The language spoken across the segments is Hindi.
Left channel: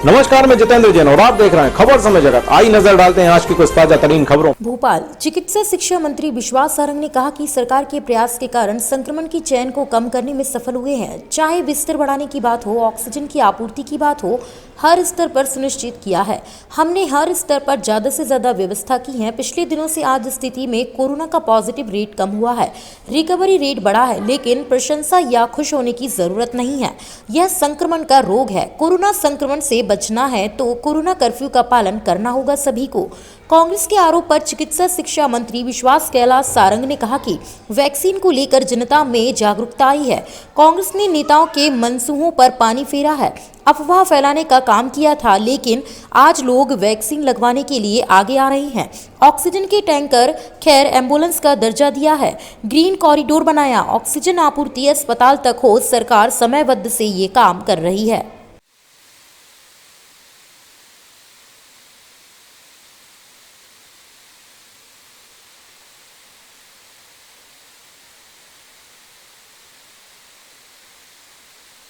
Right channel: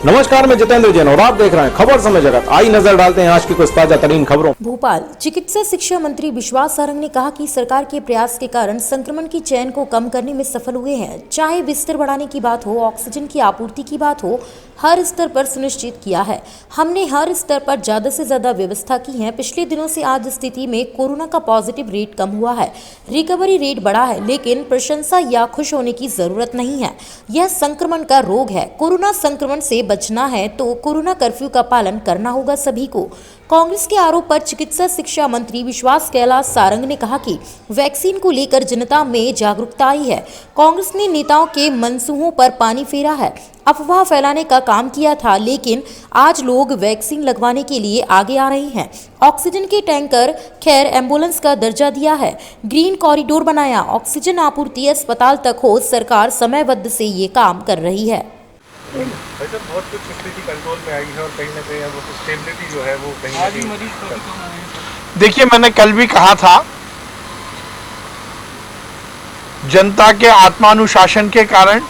नमस्कार, मैं जितेंद्र जैन और आप देख रहे हैं खबर समय जगत। आई नजर डालते हैं आज की कुछ ताजा तरीन खबरों। भोपाल चिकित्सा शिक्षा मंत्री विश्वास सारंग ने कहा कि सरकार के प्रयास के कारण संक्रमण की चेन को कम करने में सफल हुए हैं। चाहे बिस्तर बढ़ाने की बात हो, ऑक्सीजन की आपूर्ति की बात हो, हर स्तर पर सुनिश्चित किया है। हमने हर स्तर पर ज्यादा से ज्यादा व्यवस्था की है। पिछले दिनों से आज स्थिति में कोरोना का पॉजिटिव रेट कम हुआ है, रिकवरी रेट बढ़ा है, लेकिन प्रशंसा या खुश होने की जरूरत नहीं है। यह संक्रमण का रोग है। कोरोना संक्रमण से बचना है तो कोरोना कर्फ्यू का पालन करना होगा सभी को। कांग्रेस के आरोप पर चिकित्सा शिक्षा मंत्री विश्वास कैलाश सारंग ने कहा कि वैक्सीन को लेकर जनता में जागरूकता आई है। कांग्रेस ने नेताओं के मनसूबों पर पानी फेरा है, अफवाह फैलाने का काम किया था, लेकिन आज लोग वैक्सीन लगवाने के लिए आगे आ रहे हैं। ऑक्सीजन के टैंकर, खैर एम्बुलेंस का दर्जा दिया है, ग्रीन कॉरिडोर बनाया, ऑक्सीजन आपूर्ति अस्पताल तक हो, सरकार समयबद्ध से ये काम कर रही है। बहुत कुछ स्थिति कंट्रोल में आई है और कहीं ना कहीं वो स्टेबिलिटी जो है वो कहीं ना कहीं। देखिए, मैंने कल भी कहा था, जनता के आत्मानुशासन के कारण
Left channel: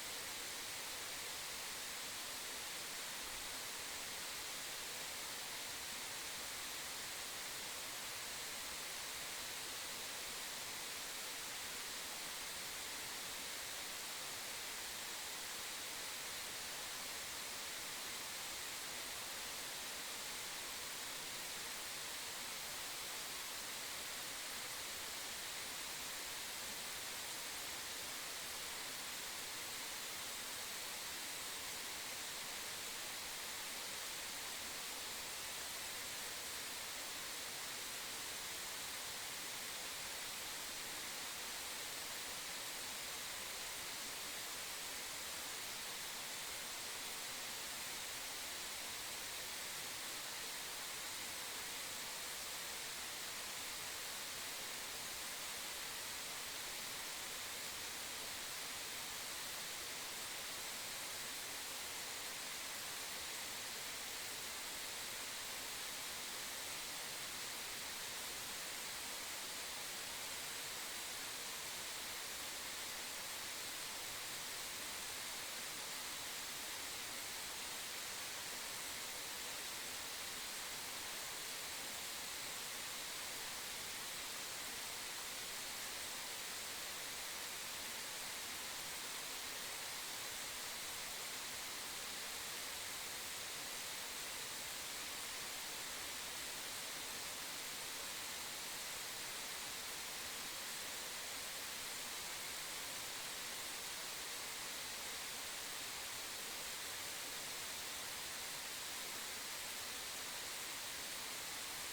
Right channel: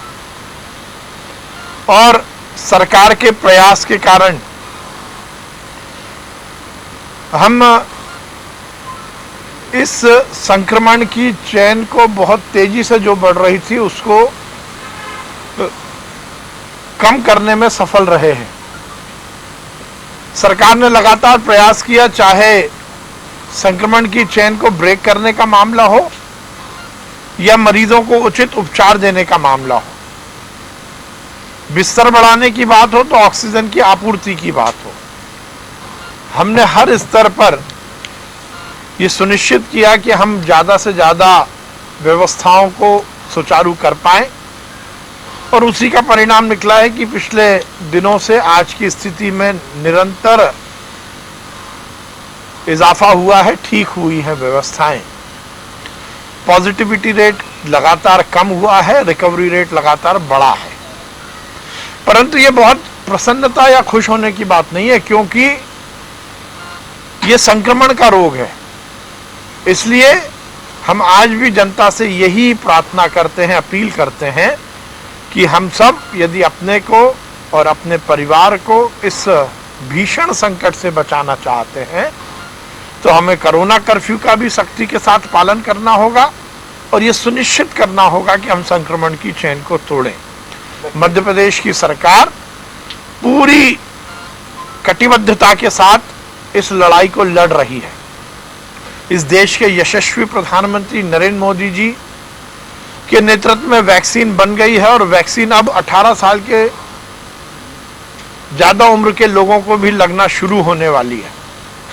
और सरकार के प्रयास के कारण हम इस संक्रमण की चेन को बहुत तेजी से जो बढ़ रही थी उसको कम करने में सफल रहे हैं। सरकार ने लगातार प्रयास किया, चाहे संक्रमण की चेन को ब्रेक करने का मामला हो या मरीजों को उचित उपचार देने का मामला हो, बिस्तर बढ़ाने की बात हो तो ऑक्सीजन की आपूर्ति की बात हो। हमने हर स्तर पर यह सुनिश्चित किया कि हम ज्यादा से ज्यादा व्यवस्थाओं को सुचारू कर पाएं और उसी का परिणाम निकला है कि पिछले दिनों से आज की स्थिति में निरंतर इजाफा हुआ है, ठीक हुई है व्यवस्थाएं। पॉजिटिविटी रेट लगातार कम हुआ है, रिकवरी रेट लगातार बढ़ा है। परंतु ये बहुत प्रसन्नता या खुश होने की बात नहीं है, क्योंकि ये संक्रमण का रोग है। इसलिए हम आज भी जनता से यही प्रार्थना करते हैं, अपील करते हैं कि हम सब यदि अपने को और अपने परिवार को इस भीषण संकट से बचाना चाहते हैं तो हमें कोरोना कर्फ्यू का भी सख्ती के साथ पालन करना होगा और ये सुनिश्चित करना होगा कि हम संक्रमण की चेन को तोड़ें। मध्य प्रदेश की सरकार पूरी कटिबद्धता के साथ इस लड़ाई को लड़ रही है। इस देश के यशस्वी प्रधानमंत्री नरेंद्र मोदी जी के नेतृत्व में वैक्सीन बन गई है और वैक्सीन अब 18 साल के ज्यादा उम्र के लोगों को भी लगना शुरू होने वाली है।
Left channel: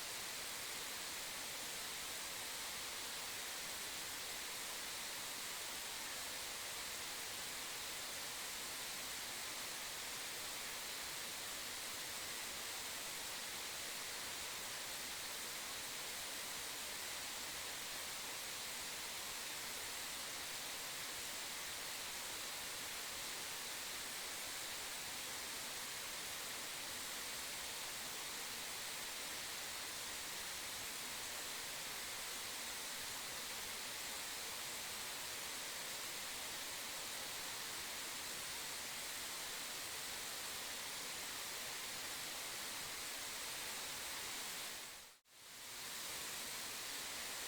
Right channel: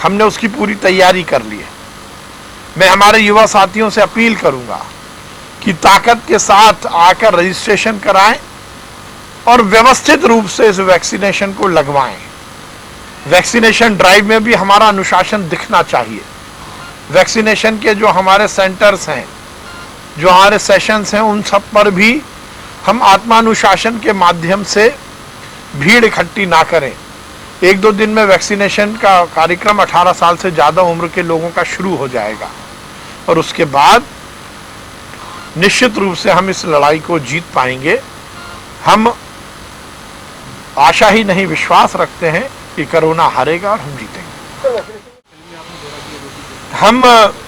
हमने उसकी पूरी तैयारी कर ली है। मैं हमारे युवा साथियों से अपील करूंगा कि ताकत के साथ आकर रजिस्ट्रेशन कराएं और व्यवस्थित रूप से इस वैक्सीनेशन को लगवाएं। वैक्सीनेशन ड्राइव में भी हमारा अनुशासन दिखना चाहिए। वैक्सीनेशन के जो हमारे सेंटर्स हैं, जो हमारे सेशंस हैं, उन सब पर भी हम आत्मानुशासन के माध्यम से भीड़ इकट्ठी ना करें। 1-2 दिन में वैक्सीनेशन का कार्यक्रम 18 साल से ज़्यादा उम्र के लोगों का शुरू हो जाएगा और उसके बाद निश्चित रूप से हम इस लड़ाई को जीत पाएंगे। हम आशा ही नहीं, विश्वास रखते हैं कि कोरोना हारेगा और हम जीतेंगे। हम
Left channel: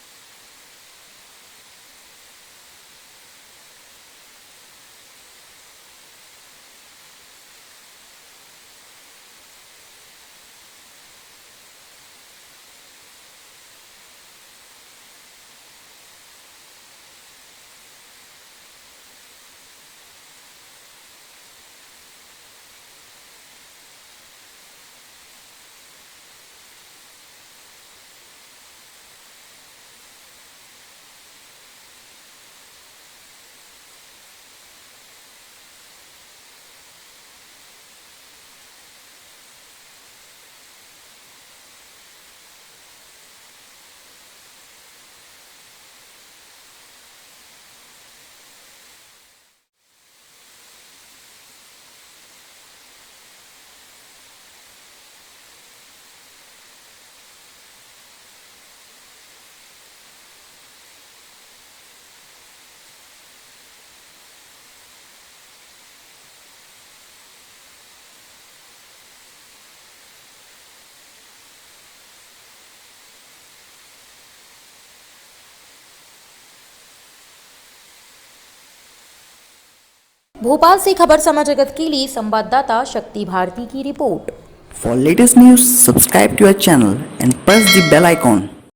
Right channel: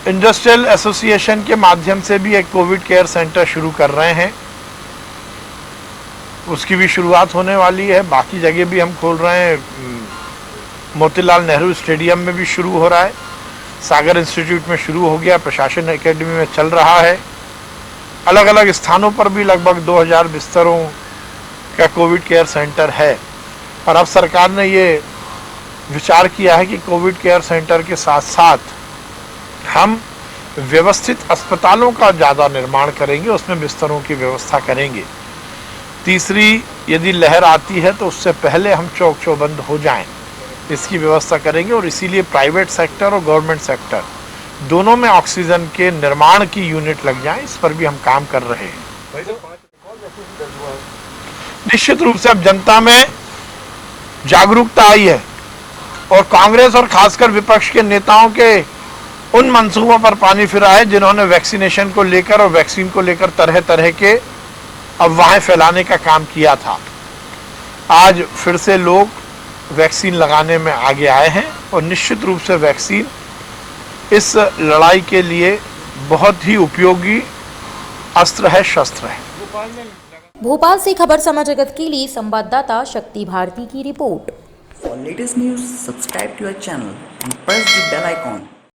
इंडस्ट्रियल एसोसिएशन के माध्यम से भी एक कोविड केयर सेंटर शुरू कर रहे हैं। उसकी भी शुरुआत होने वाली है। बाकी जगह भी हम खोल रहे हैं। मोतीलाल नेहरू स्टेडियम में भी शुरू हो रहा है, सागर इंस्टीट्यूट में शुरू हो गया, प्रशासन एकेडमी में चल रहा है। अलग अलग स्थानों पर भी लगभग 2000 बिस्तरों का कोविड केयर सेंटर है और अब सरकार ने ये विचार किया है कि कोविड केयर सेंटर के साथ साथ हम व्यवस्थित अस्पतालों का ज़्यादा निर्माण करेंगे, उसमें बिस्तरों की व्यवस्था करेंगे। तीसरी, यदि लहर आती है तो उससे पहले हम चौक चौबंद हो जाएं, इसकी व्यवस्था करेंगे और इसीलिए प्राइवेट सेक्टर और गवर्नमेंट सेक्टर दोनों में ऑक्सीजन के निर्माण की यूनिट लग जाएं, इस पर भी हम काम कर रहे हैं। निश्चित रूप से अब जनता में जागरूकता आई है और कांग्रेस और खासकर विपक्ष के नेताओं के उन मंसूबों पर पानी फिरा है जिन्होंने वैक्सीनेशन को लेकर और वैक्सीन को लेकर तरह तरह के अफवाहें फैलाने का काम किया था। आज फिर से लोग वैक्सीन लगाने में आगे आए हैं और निश्चित रूप से वैक्सीन इस लड़ाई के लिए बहुत ही उपयोगी अस्त्र है, शस्त्र है। भोपाल से खबर समाज जगत के लिए संवाददाता शक्ति भारती की report. For latest news, subscribe to our channel and press the bell icon.